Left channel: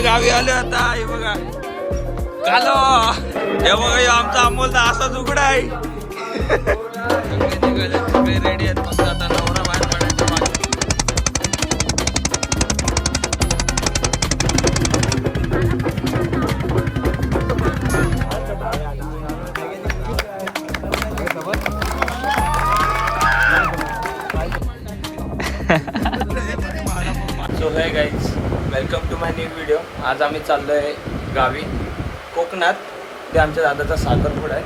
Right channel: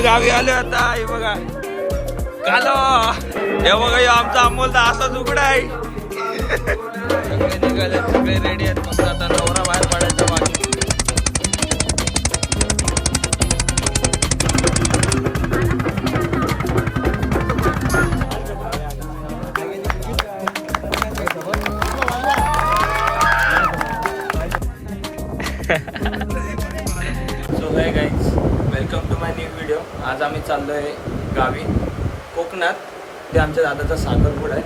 आम्ही गावी आलो आता. हे बघा कालो, हे बघा हे आमचा अमोल तर असाच उघडा आहे. सगळे निघाले, सगळे रेडी आहेत. फक्त आता नवरा बाहेर पडायचा बाकी. So hey guys, welcome to my new video. आज आम्ही चाललो आहे गावी कोकणात. ते आमच्या दादाचा साखरपुडा आहे.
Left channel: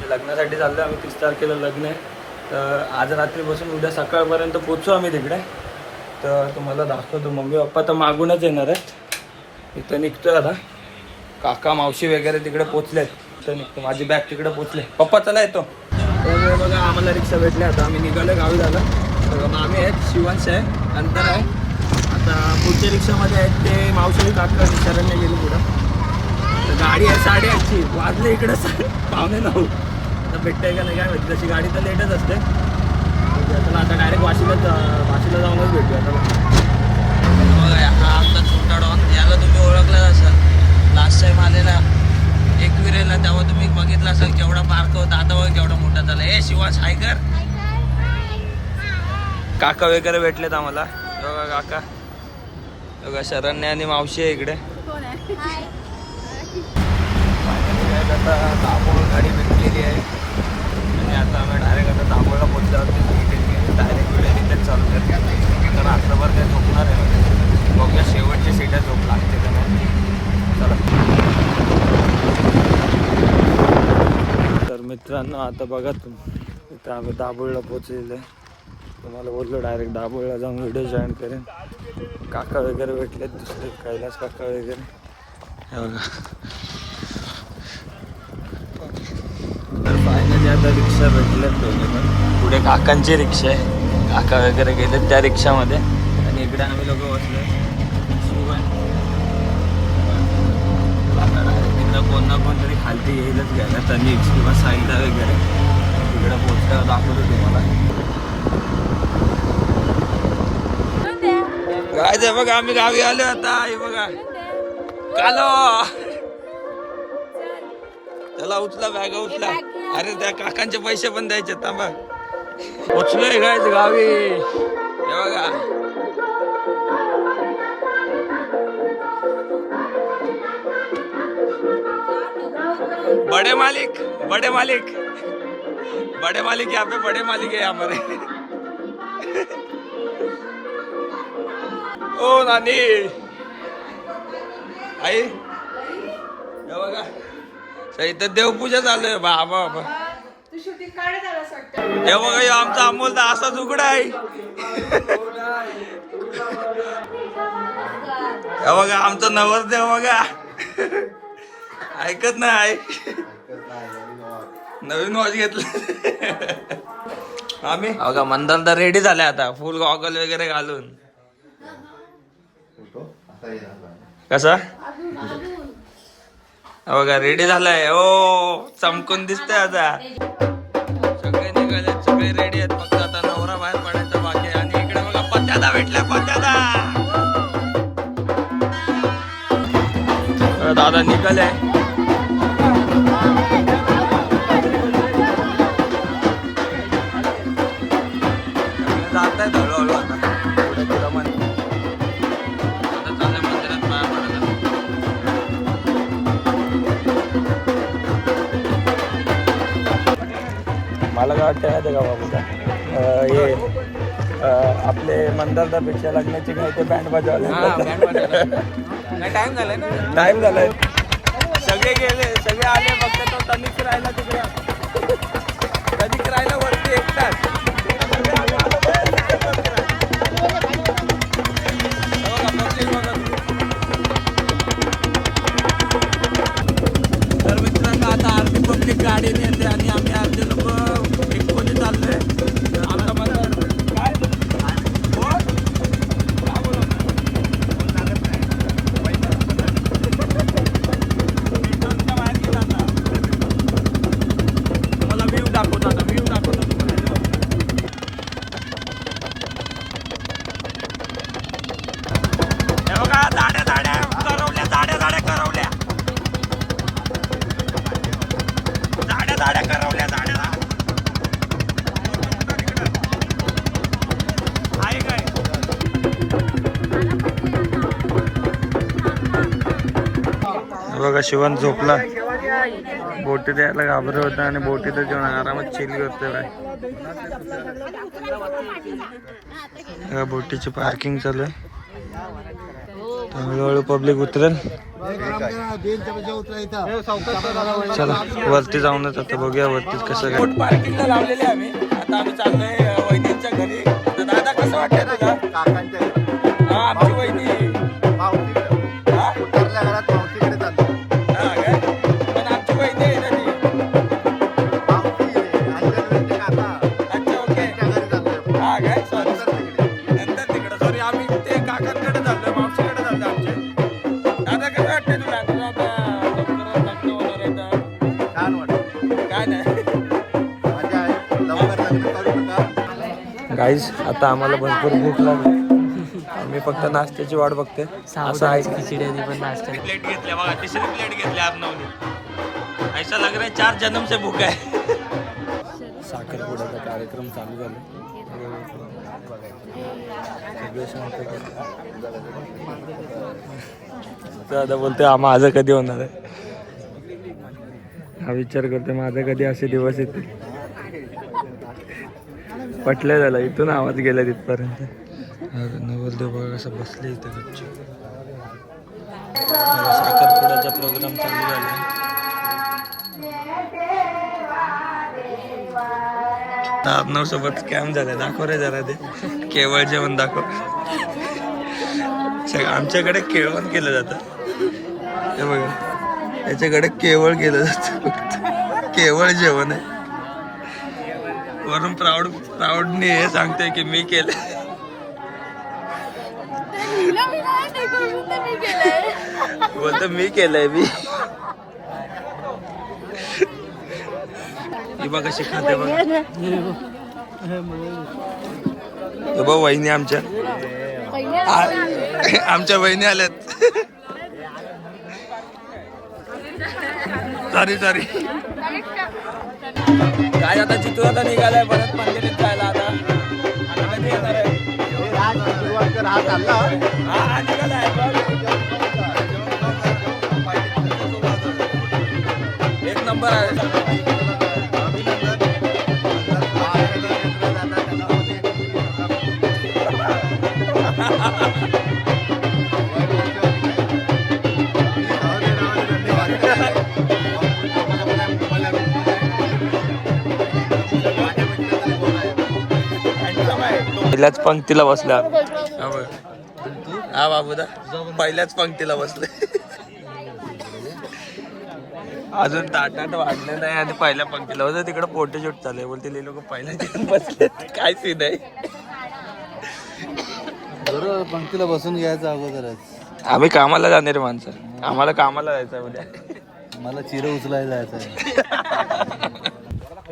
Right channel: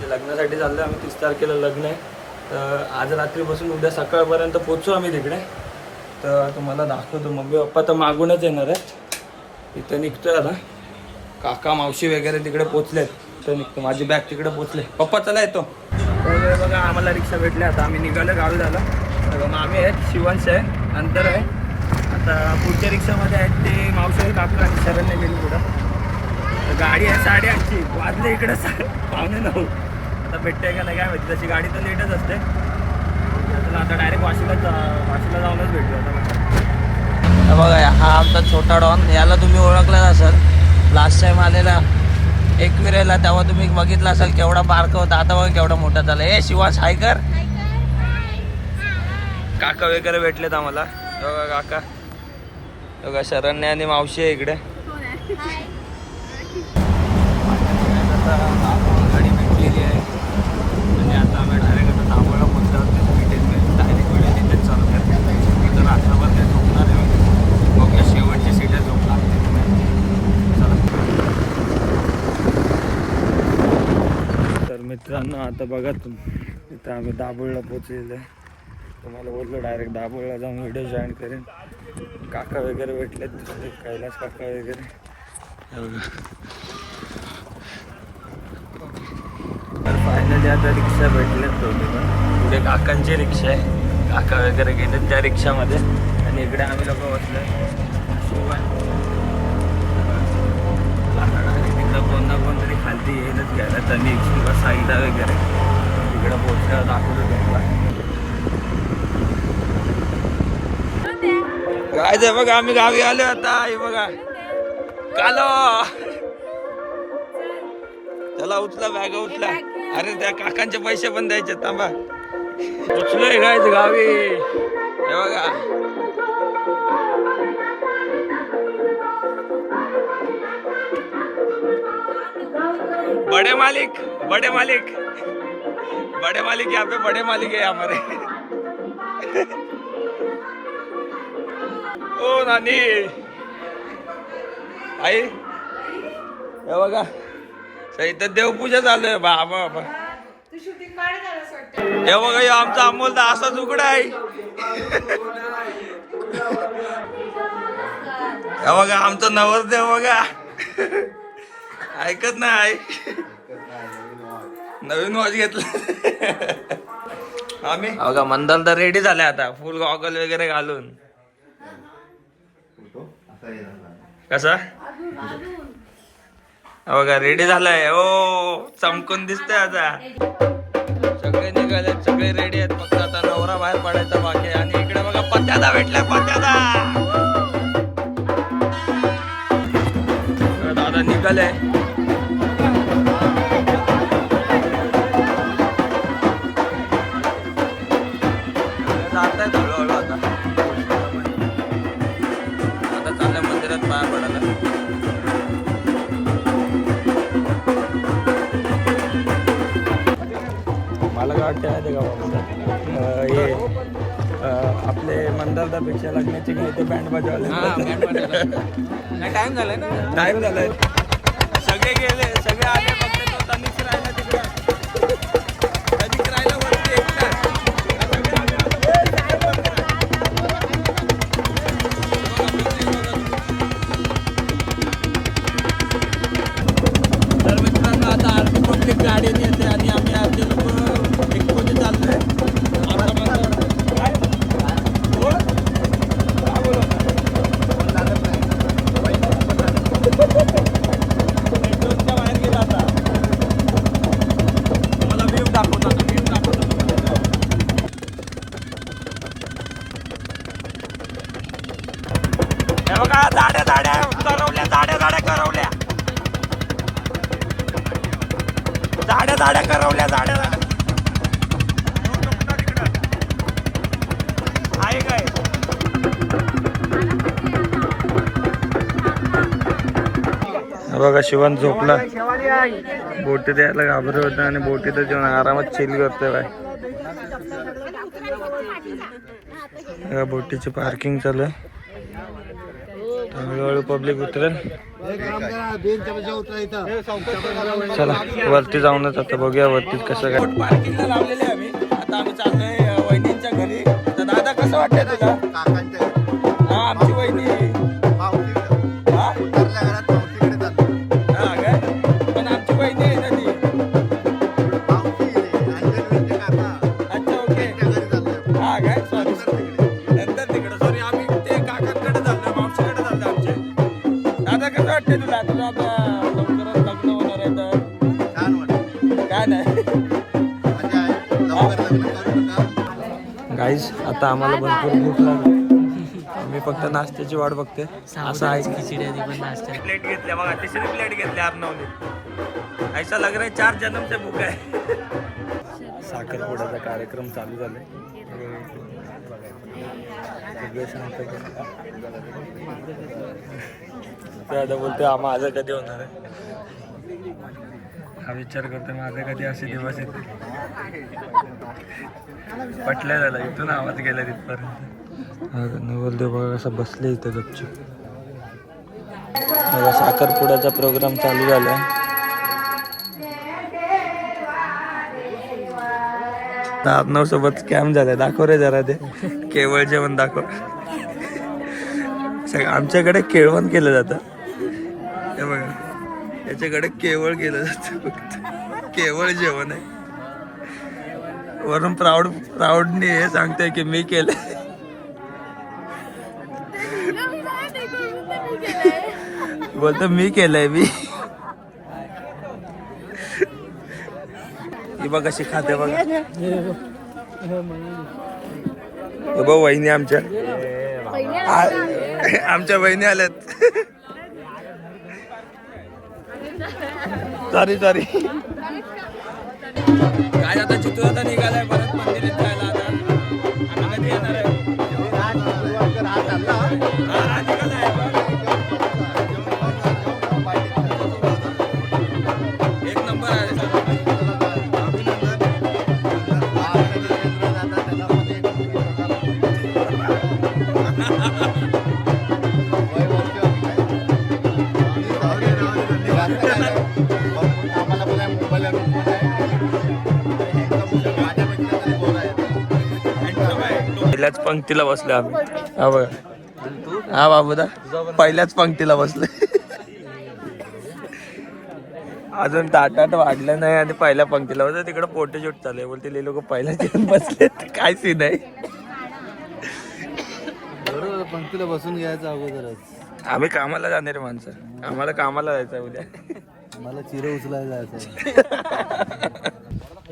ते लग्नासाठी चाललो आहे आम्ही. 30 तारखेला लग्न आहे. तर आज रात्रीपासून उद्या सकाळपर्यंत पोचू आम्ही तिकडे. तर तुम्हाला दाखवतो. मम्मी पप्पा तर मागूनच येणार आहेत. इथं निघतोय आता. काका मावशी वगैरे तिकडे पोचलेत. इथं निघतो. माझी बॅग तिकडे पोचले. पप्पा चला येतो. तर बघा आम्हाला रिक्षा भेटली. आता आम्ही निघालो गावी झालं. तर मामी आहेत, शिवंश आहे, अंतर आहे. आता पुढच्या रिक्षामध्ये आहेत ते मावशी काका आणि शरण्य गेली पुढं. तर गाडी आहे 8:30ची. वाजले इकडे 9:15. आता भेटते का नाही काय माहिती. तशी गाडी तर लेटच असते. चला आता डायरेक्ट वाशीला जाऊनच भेटूया. आता बघा हा आपला छोटा डॉन. याला तुम्ही ओळखला असाल. लास्ट टाइम आलेला एकविरेला तेव्हा तुम्ही बघितला असाल केवढा बारका होता. आता बघा केवढा मोठा झाला. ए शिवास हाय कर. काका वगैरे भेटलेत आम्हाला. बघा काका, बघा शरण्य आणि मावशी आहे इकडे. आता तांबोळ गाडी भेटलेली आहे. आणि आता आम्ही डायरेक्ट आता तांबोळला पोचल्यावरती डायरेक्ट व्हिडिओ तिथेच चालू करतो. तर रात्रभर काय झोपणार आहे. बघूया शेवटची सीटा झोप लागते का नाही. चला. तर मित्रांनो आता बघा तुम्ही, इथं आम्ही दाभोळला पोचलेलो आहे. तुम्हाला बोललो डायरेक्ट दाभोळला जाऊन व्हिडिओ जॉईन करेन. काका वगैरे भेटलेत दुसरे, कैलास काका वगैरे. तर फायनली आता रिक्षा भेटलेत दोन्ही पण. पुढे काकांची रिक्षा आहे. काका वगैरे गेलेत त्या रिक्षामध्ये. आणि इकडे आम्ही लोक बसले. तिथं कोण ना कोणतरी खालती येईलच घ्यायला. तनिक्स किंवा साईदा वगैरे. तिकडे पोचल्यावर दाखवतो तुम्हाला. काय ते बघा आम्ही गावी आलो आता. हे बघा कालो, चला उचला बॅग उचला. अरे त्या काकांचे पैसे पण द्यायचे. थांबा उचलोय काय गावी. हे बघा बड़े मालिक, बड़े मालिक, बड़े मालिक यहाँ पे बड़े मालिक है हमारे. ओ नानी आई, हे बघा इथं देवपूजा चालू आहे. बाबा बाबा हे बघा हे आमचा अमोल तर असाच उघडा आहे. हे बघा आमचा नवरदेव बघा ऐकत नाही. नवीन वॉच घेतलं आम्ही. बघा मंदाल तर रेडी झाले आता फुल गॉगल वगैरे घालून. कसा बघा रेडी झालाय. ओ चमकून दिसतंय आता. सगळे निघाले, सगळे रेडी आहेत. फक्त आता नवरा बाहेर पडायचा बाकी आहे. आणि इकडे बघा पत्याला भेटलाय. पत्याला दादा निघाले. जात आहेत हळूहळू आता पुढे तुला मंदिर. आता चाललंय मंदिरात पाया पडायला. मला काय वाटतं माहिती का बाबूचा, हे आपले मंदारदापेक्षा लग्नाची काय ते बँड वाजवले. टाइम झालाय ना, टाइम झालाय. सगळे गेले, सगळे आले. फक्त तो तनिष राहिला तिकडे. तनिष राहिला वरती एकटाच. तर मित्रांनो आता अर्धी पब्लिक गाडीने येते आणि आम्ही अर्धे लोक एकपणे चाललोय. तुम्हाला व्ह्यू दाखवतो तुम्हाला. बघा शिवण झोपला, बोटीत यायला घाबरत होता आणि बोटीतच जेवण आरामात चिल करतोय बाय. बोटीची पार्किंग चालू आहे, हळूहळू पब्लिक उतरेल. चला वरती जाऊनच आता बघूया वरती कसं काय. बोट पार्किंगला लावलेले आम्ही. आता आम्ही चाललोय वहिनींच्या घरी. दादा कसं वाटतं तुला? काकांच्या घरी. हा आमची वहिनी उतरल्या घरात मावशीकडे चाललो. हा का? पण आमची वहिनी आहे ना ती मावशी अंजनवेंचे काका. अच्छा ओके. घरी चाललोय. हा काय? नंतर तिकडे सॉरी आम्ही ते काकांकडे चाललोय, मावशीकडे चाललोय आमचे. दादा कसं वाटतं तुला? तुला आता लवकरच लग्न होणार आहे तर छान वाटतं. छान आहे, मजा आहे. लवकर लग्न करू नका गाईज. आता आम्हाला भरपूर भूक लागली, आम्ही फक्त नाश्त्याची वाट बघते. असं आहे खिचडी पण नाश्ता प्लेट घेतल्या बघा, तिसरी प्लेट घेतली आतनवली. ऐसा लग रहा है 4 जन्म से भूक आहे. साखरपुड्याचा कार्यक्रम चालू झाला, सगळे शांत दादा बोलते माझं कधी होणार आहे. हा विचार करते माझं कधी असे दिवस येते. पटलं झालं, इथून आवाज गेला तिथपर्यंत. नवरदेव बघा कसं बसले इथं गपचूप. साखरपुड्याचा प्रोग्राम चालू झाला. आपणाव सोबत स्कॅम झालाय. दाखव रे जरा ते केवळ जेवण दाखव. आमच्याकडे केळवण केलं जातं हे बघा, याच्याकडे केवळ केलं जातं, फक्त केवळ जेवण आहे. वरून प्राऊडने हे सांगतोय की मी केलं. बोलतो मी केलंय मी. ही बघ कशी खाते बघा. हे बघ वहिनी आमच्या वहिनी आल्यात. सॉरी काय आता चितूर आता निघालाय परत मंदिरात जायला. आता कधी येणार आहे? हा निघालाय बघ. एक नंबर आहे. पहिल्याच पंक्तीला बसले आम्ही. हा बाबूदा पहिल्याच पंक्तीला बसले. अजून ताटात वाढलं नाही आणि पहिल्या पंक्तीला बसले. तिकडे फोटोशूट चालू आहे. बोलते ते लोक पहिल्या घेऊन बसले. काय सीन आहे? बरोबर पंक्तीला बसून घ्यायचं अगोदरच. आम्ही कामाला जाणार माणसं, आम्हाला कामाला जायचं आहे उद्या. मला चिरे उचलायला जायचं.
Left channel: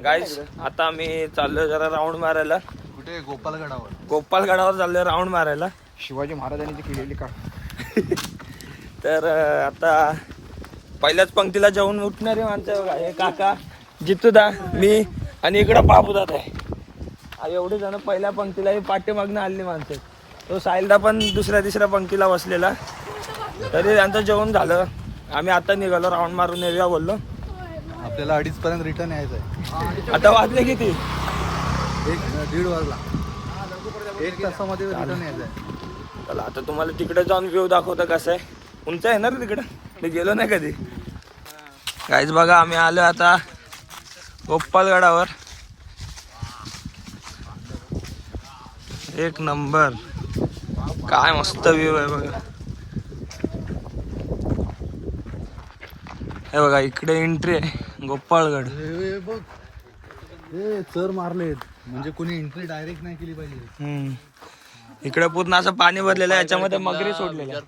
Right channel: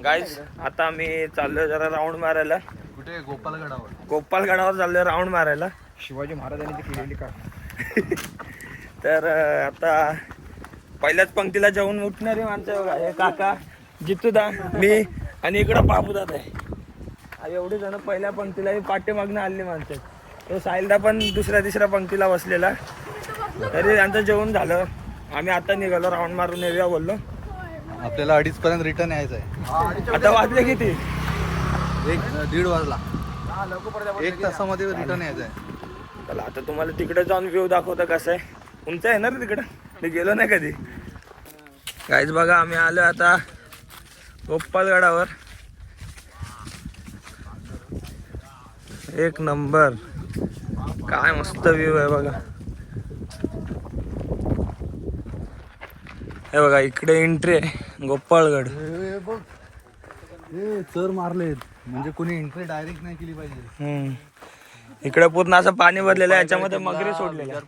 गाईस आता आम्ही चाललोय जरा राऊंड मारायला. कुठे? गोपालगडावर चाललोय राऊंड मारायला. शिवाजी महाराजांनी केलेली का. तर आता पहिल्याच पंक्तीला जाऊन उठणारी माणसं बघा. हे काका, जितूदा, मी आणि इकडं बाबूदादा आहे. एवढे जण पहिल्या पंक्तीला. ही पाठीमागनं आलेली माणसं. तो साहिलदा पण दुसऱ्या तिसऱ्या पंक्तीला बसलेला. तरी त्यांचं जेवण झालं. आम्ही आता निघालो राऊंड मारून येऊया बोललो. आपल्याला 2:30 पर्यंत रिटर्न यायचं आहे. आता वाजले किती? 1-1:30 वाजला. 1 तासामध्ये रिटर्न यायचं आहे. चला आता तुम्हाला तिकडे जाऊन व्ह्यू दाखवतं कसं आहे. उंच आहे ना रे तिकडं, मी गेलो नाही कधी. काहीच बघा आम्ही आलो आता गोपालगडावर. एक नंबर, काय मस्त व्ह्यू आहे बघा. हे बघा इकडे एंट्री आहे गोपाळगड. चर मारले म्हणजे कोणी एंट्री डायरेक्ट नाही केली पाहिजे. इकडे पूर्ण असं पाणी भरलेलं आहे. याच्यामध्ये मगरी सोडलेलं आहे.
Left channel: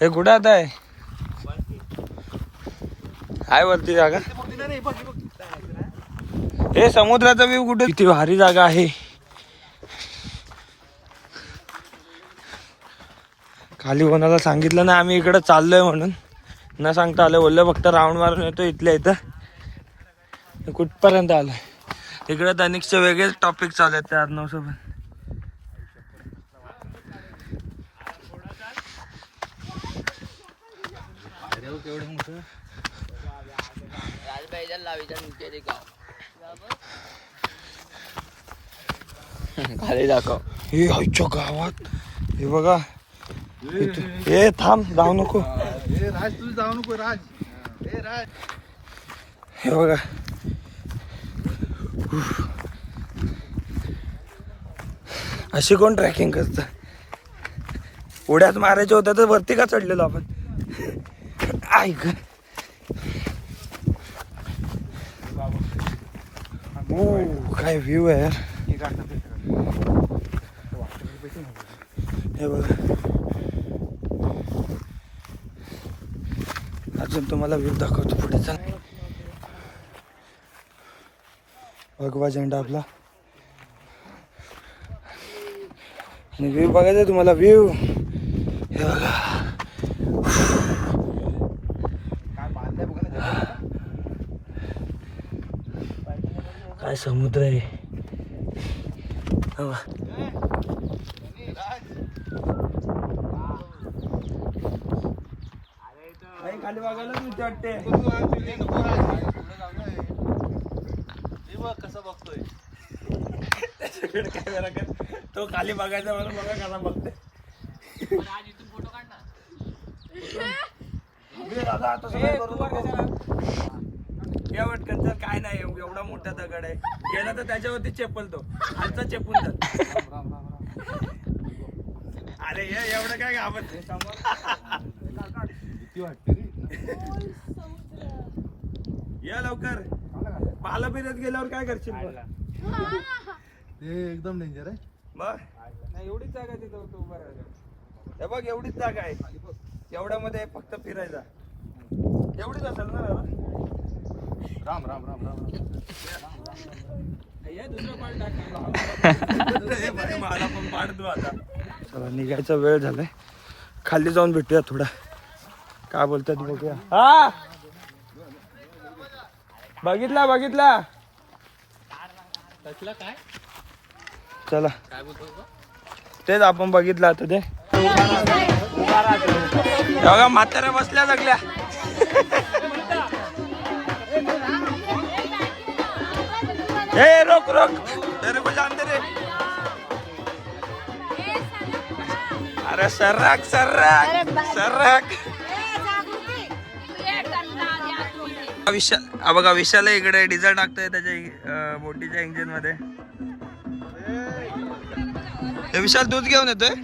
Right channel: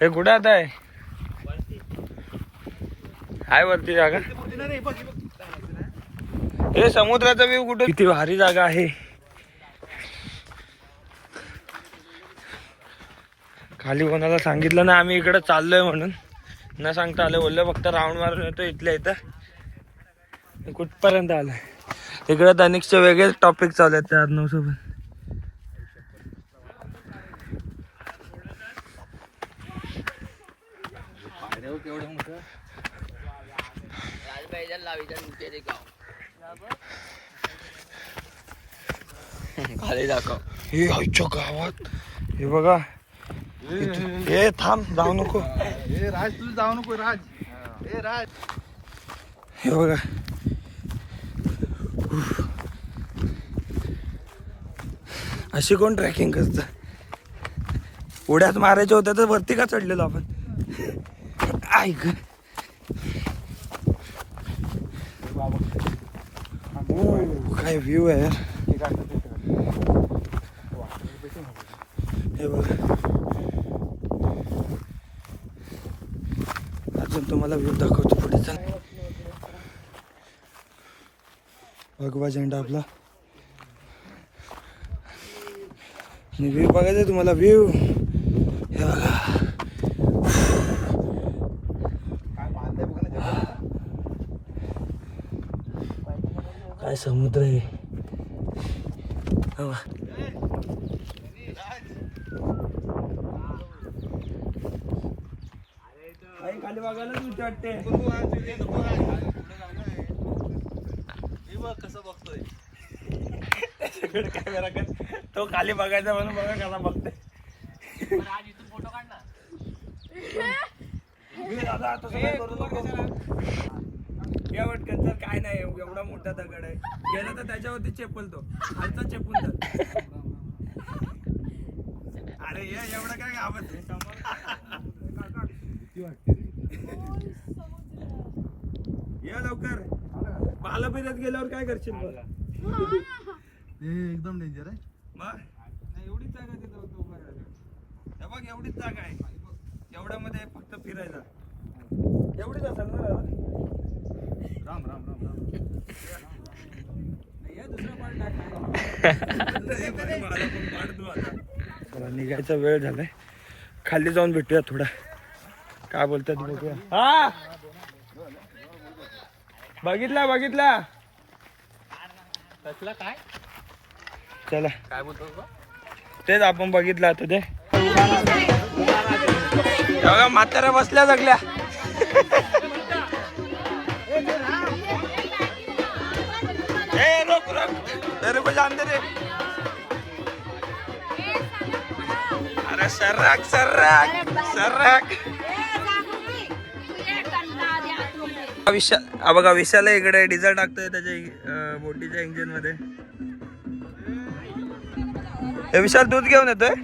हे कुठे आता आहे? हाय वरती जागा. हे समुद्राचा व्ह्यू कुठे? किती भारी जागा आहे. खाली कोणाला सांगितलं ना आम्ही इकडे चाललोय म्हणून. न सांगता आलं, बोललं फक्त राऊंड मारून येतो इथल्या इथं. कुठपर्यंत आलं. इकडे तनिकचे वेगळेच टॉपिक चालू आहेत त्या अर्णव सोबत. खाली दाखव. हे आईच्या गावात हे बघा. हे थांब, जाऊ नको. राज तू जाऊ नको राज. हे राज हे बघा. अशी कोण ट्रॅकिंग करत. उड्यात मारायचं होतं तर वरती का चढलेलो आपण. ऐक काय व्ह्यू आहे यार. हे बघा. अजून तुम्हाला व्ह्यू दाखवतो पुढे. चाल. भगवा झेंडा आपला. आणि व्ह्यू बघायचा तुम्हाला. व्ह्यू हे बघा. काय समुद्र आहे. खाली बघायला तुझी वाटते. कसं बघतोय त्याच्याकडे कॅमेरा कर. तो खाली बघायचा म्हणून बघा कसा बघते. फोटो काढ ना. दादा आता सगळं करू नको. एवढं जर काय नाही, एवढा मोठा दगड आहे. गेला तर त्याच्यावरती चेपल तो खालचा चेपून जात. अरे एवढं काय घाबरत. ये लवकर. पाला पिण्यात गेल्यावर काय करशील. एकदम डेंजर आहे. मग एवढीच जागा आहे तिथं उभं राहायला. हे बघ एवढीच जागा आहे. एवढ्यामध्ये फक्त फिरायला एवढीच असेल ना. राम राम राम राम. मला पण पाडतो आता. चला निघायचा वेळ झालाय. खाली जाऊन भेटूया थोडा. काय बोलतात बघूया. हा बघितला बघितला. काय चला काय बोलतो. तेच आपण बघितलं आता. ते बघा म्हाताऱ्या बसल्या सगळ्या. ए रोक रोक. तेरे को जानते रे. अरे सर्राक सर्राक सर्राक. विशाल बघा. विशाल इकडे डिझेल टाकतोय त्याच्या बोटीच्या इंजिन मध्ये. हे विशाल दूध घेऊन येतोय.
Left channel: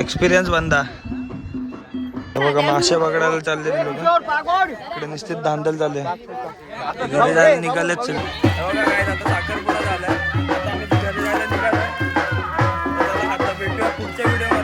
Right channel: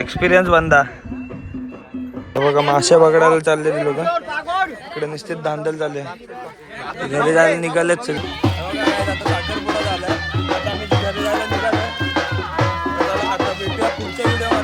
एक्सपिरियन्स बंदा. बघा मासे पकडायला चाललेले लोक. इकडे निश्चित धांदल चालू आहे. घरी जायला निघालेच. बघा काय आता साखरपुडा झालाय. आता आम्ही घरी जायला निघालोय. आता भेटूया पुढच्या व्हिडिओ.